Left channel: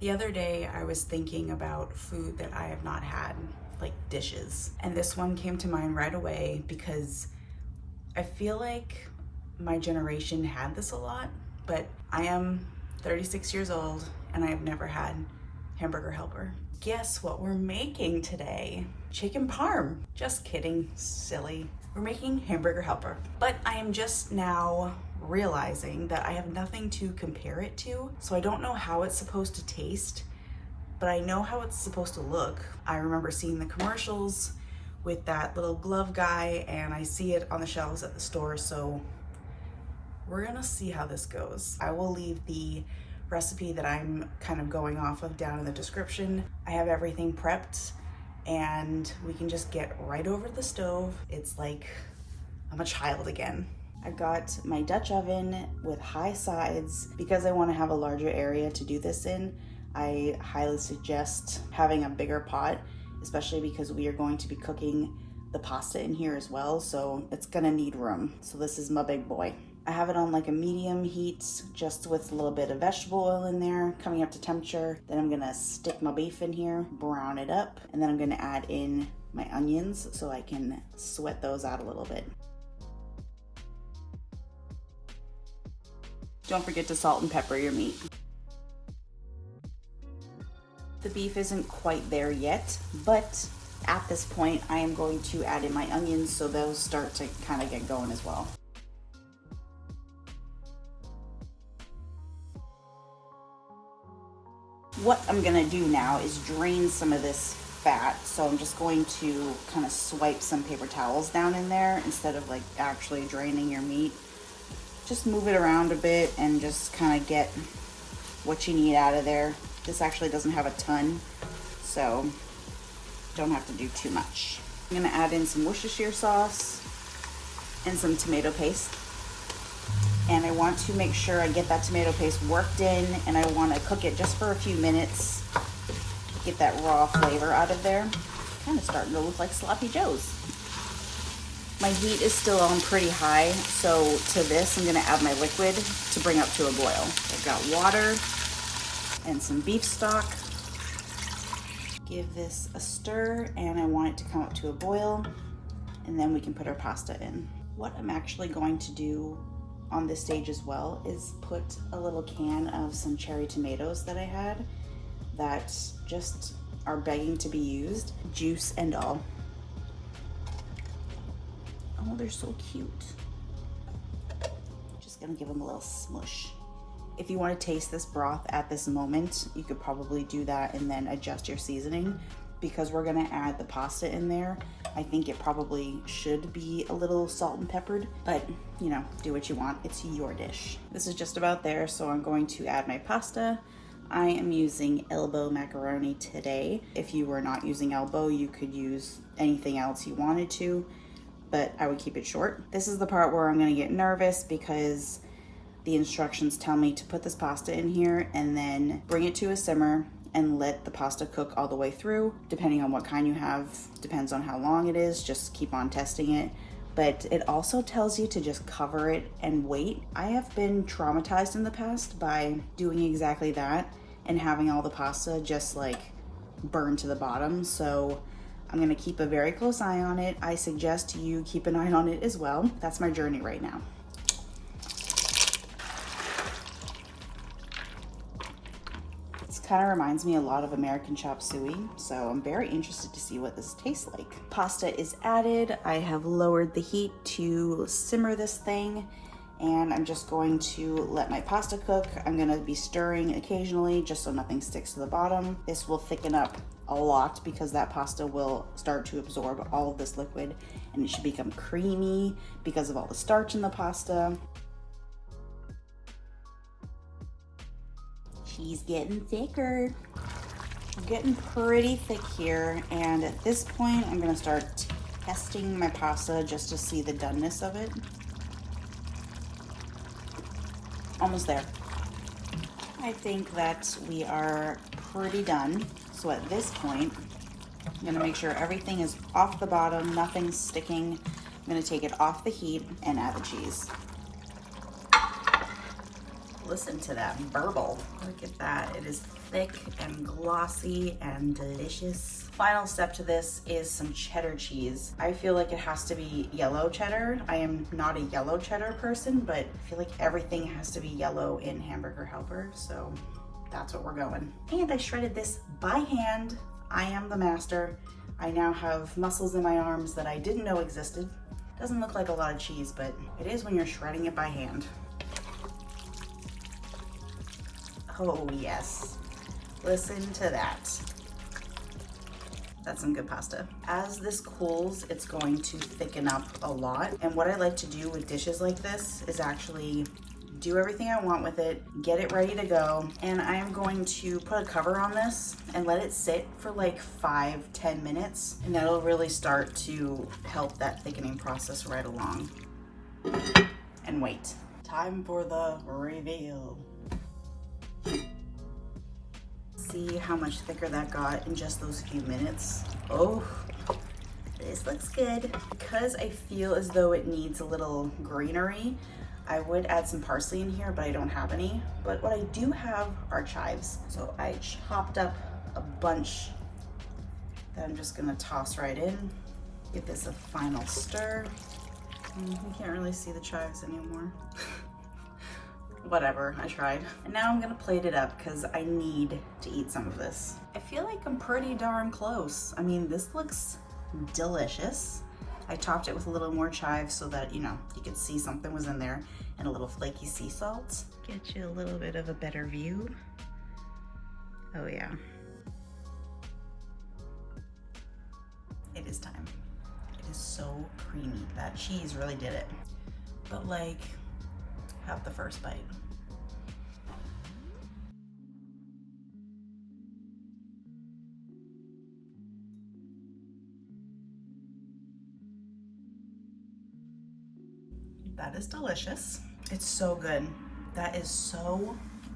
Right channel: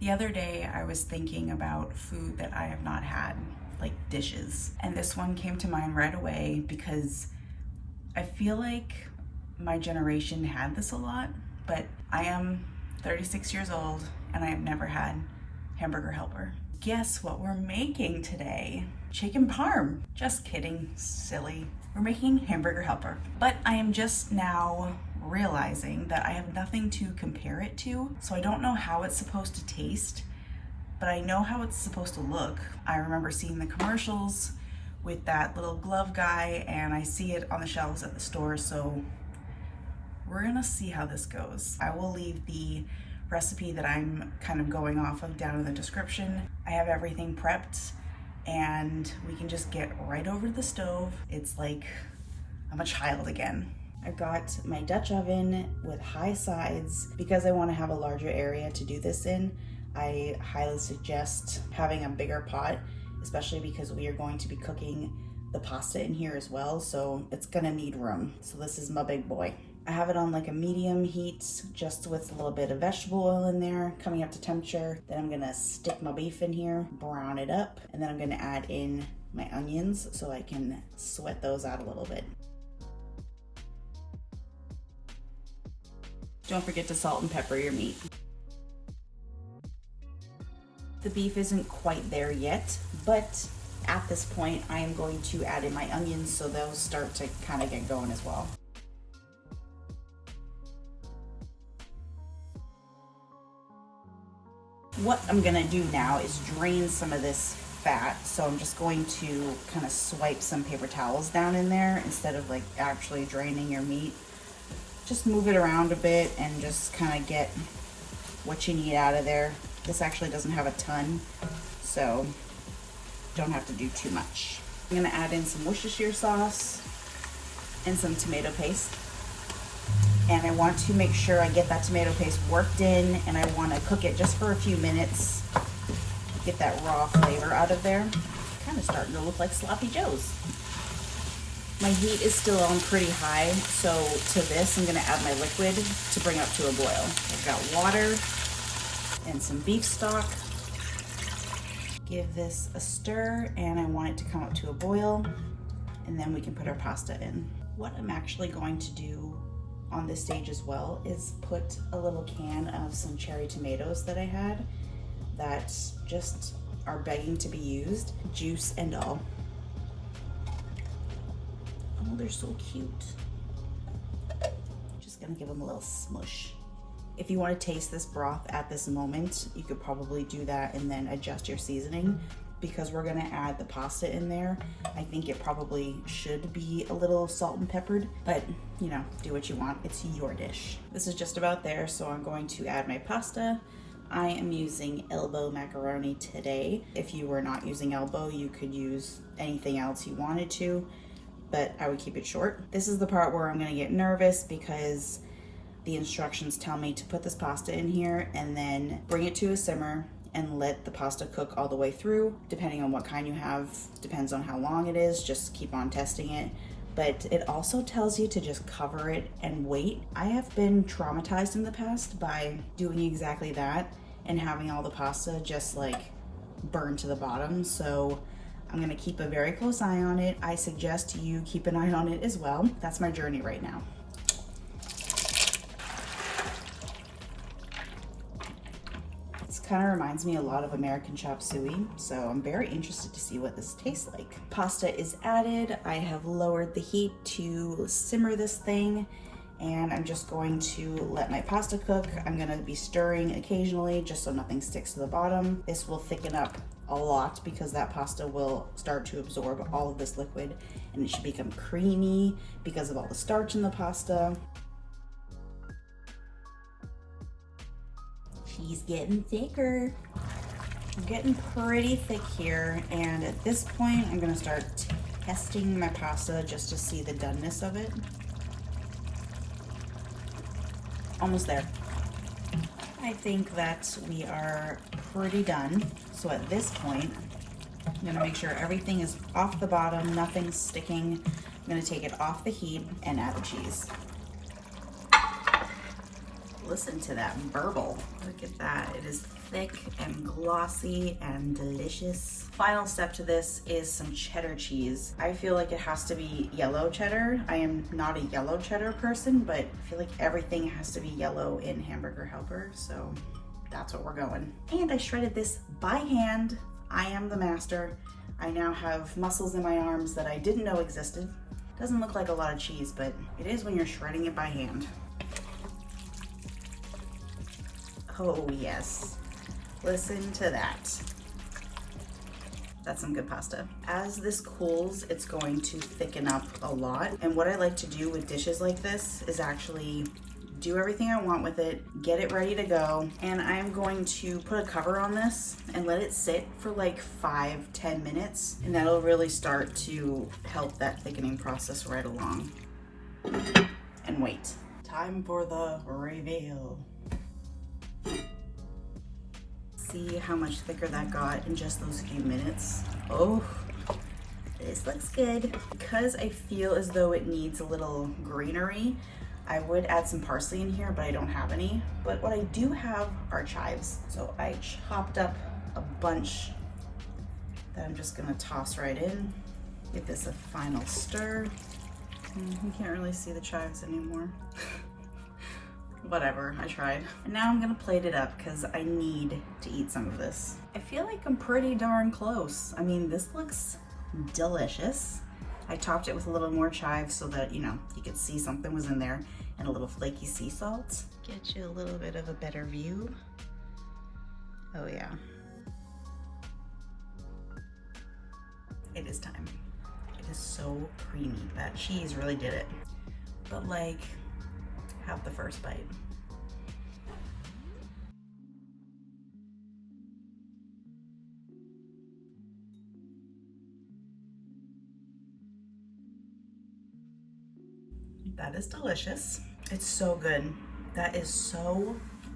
The other day I was thinking about food that I have not had, like dishes. And this one came to mind right away because I feel like my generation had this a lot, but I am 36 years old and I have never had Hamburger Helper. Guess what we're making today? Chicken parm. Just kidding, silly. We're making Hamburger Helper. But I am just now realizing that I have nothing to compare it to, so I don't know how it's supposed to taste, but I know how it's supposed to look. I remember seeing the commercials with that little glove guy, and I see it on the shelves at the store, so we're gonna see how this goes. I will leave the recipe that I'm kind of going off of down in the description. I have everything prepped and we can just get right over to the stove. It's like I'm a child again. I've got my Dutch oven with high sides. Because I want to have a larger area to do this in, I highly suggest having a bigger pot, especially because we are going to be cooking the pasta in here as well, so it's gonna need room. So this is my big boy. I have it on like a medium heat, just with a little bit of vegetable oil in there, coming up to temperature. Then I'm gonna stick my beef in here, brown it up, and then I'm gonna add in my onions so I can sweat those out a little bit. Don't forget to salt and pepper your meat. The beef isn't quite there yet, but at this point I am going to add in my onions so those start to kind of get going as well. What I'm gonna do now is drain some of this fat, so I'm just going to kind of swipe some paper towels down in there instead of like actually draining your meat. Just move it around a bit and just kind of get what you need out of there. This actually doesn't have a ton, so don't have to do too much. I'm gonna add in some Worcestershire sauce and some tomato paste. And I want to make sure I get that tomato paste worked in, and I want to cook it just for a few minutes, get that raw flavor out of there. Kind of starting to look like sloppy joes. My heat is still on pretty high, so to this I'm gonna add my liquid to bring up to a boil. I've got water and some beef stock. Give this a stir, and I want it to come up to a boil, and then we can put our pasta in. What I'm actually going to do on this stage as well is put a little can of some cherry tomatoes that I had that just are begging to be used, juice and all. Oh, they're so cute. Just gonna give them a little smush. If you want to taste this broth at this moment, you could probably do that and then adjust your seasoning. Because we're gonna add the pasta in there, I think it probably should be a little salt and peppered, but you know, do what you want, it's your dish. This is just about there, so I'm going to add my pasta. I am using elbow macaroni today. If you were not using elbow, you could use anything else you wanted to, but I would keep it short. This is the part where I'm gonna get nervous because the instructions tell me to put this pasta in here and then bring it to a simmer and let the pasta cook all the way through. Depending on what kind you have, depends on how long it is, just keep on testing it. But it also tells you to just cover it and wait. I have been traumatized in the past by doing exactly that and having all the pasta just like burn to the bottom. So I'm gonna keep a very close eye on it. I suggest you keep an eye on it as well. That's my journey right now. Kind of reminds me a lot of American chop suey, so I'm very interested to see what this tastes like. Pasta is added. I have lowered the heat to simmer this thing, and I'm just going to let my pasta cook. I'm gonna be stirring occasionally just so nothing sticks to the bottom. This will thicken up a lot because that pasta will start to absorb all of this liquid, and it should become creamy because of all the starch in the pasta. She's getting thicker. Getting pretty thick here, and at this point I'm gonna start testing my pasta just to see the doneness of it. Almost there. I think that we are pretty done. So at this point, I'm gonna make sure everything is off the bottom, nothing's sticking. I'm gonna take it off the heat and add the cheese. Listen to that burble. Look at that. It is thick and glossy and delicious. Final step to this is some cheddar cheese. I feel like it has to be yellow cheddar. I am not a yellow cheddar person, but I feel like everything has to be yellow in Hamburger Helper, so that's what we're going. And I shredded this by hand. I am the master. I now have muscles in my arms that I didn't know existed. Doesn't look like a lot of cheese, but it is when you're shredding it by hand. Oh yes, listen to that. That's some good pasta. As this cools, it's going to thicken up a lot. And what I like to do with dishes like this is actually do everything I want with it, get it ready to go. And I'm going to put a cover on this and let it sit for like 5-10 minutes. And that'll really start to help that thickening process right along. And wait, time for the reveal. See how much thicker that got in just those few minutes. Oh, this looks good. Because I feel as though it needs a little greenery, I would add some parsley in here, but I don't have any. But what I do have are chives. So I chopped up a bunch that I'm just gonna toss right in. Give this a final stir. You can't really see the chives anymore. Whatever, I tried. And now I'm gonna plate it up because I need to eat some of this. I feel like I'm pretty darn close. I mean, this looks delicious. I topped it with a little more chives so that, you know, you could see something was in there, and a little flaky sea salt. Get you a little bit of a better view. Oh yeah. It is time. It is so creamy. That cheese really did it. But like, have the first bite. That is delicious. It's so good. That is so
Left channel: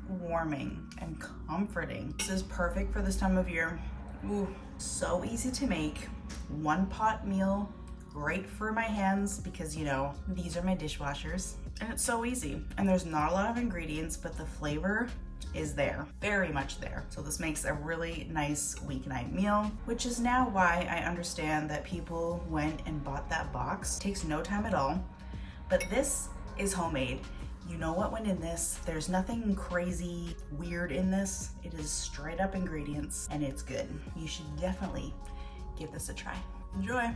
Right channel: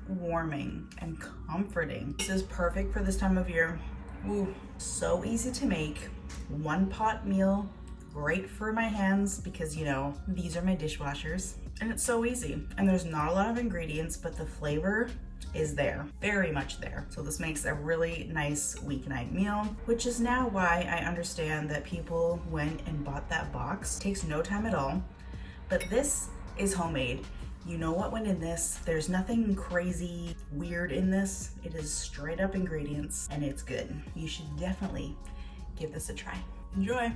warming and comforting. This is perfect for this time of year. Ooh, so easy to make. One pot meal, great for my hands because, you know, these are my dishwashers. And it's so easy. And there's not a lot of ingredients, but the flavor is there, very much there. So this makes a really nice weeknight meal, which is now why I understand that people went and bought that box. It takes no time at all, but this is homemade. You know what went in this. There's nothing crazy weird in this. It is straight up ingredients and it's good. You should definitely give this a try. Enjoy.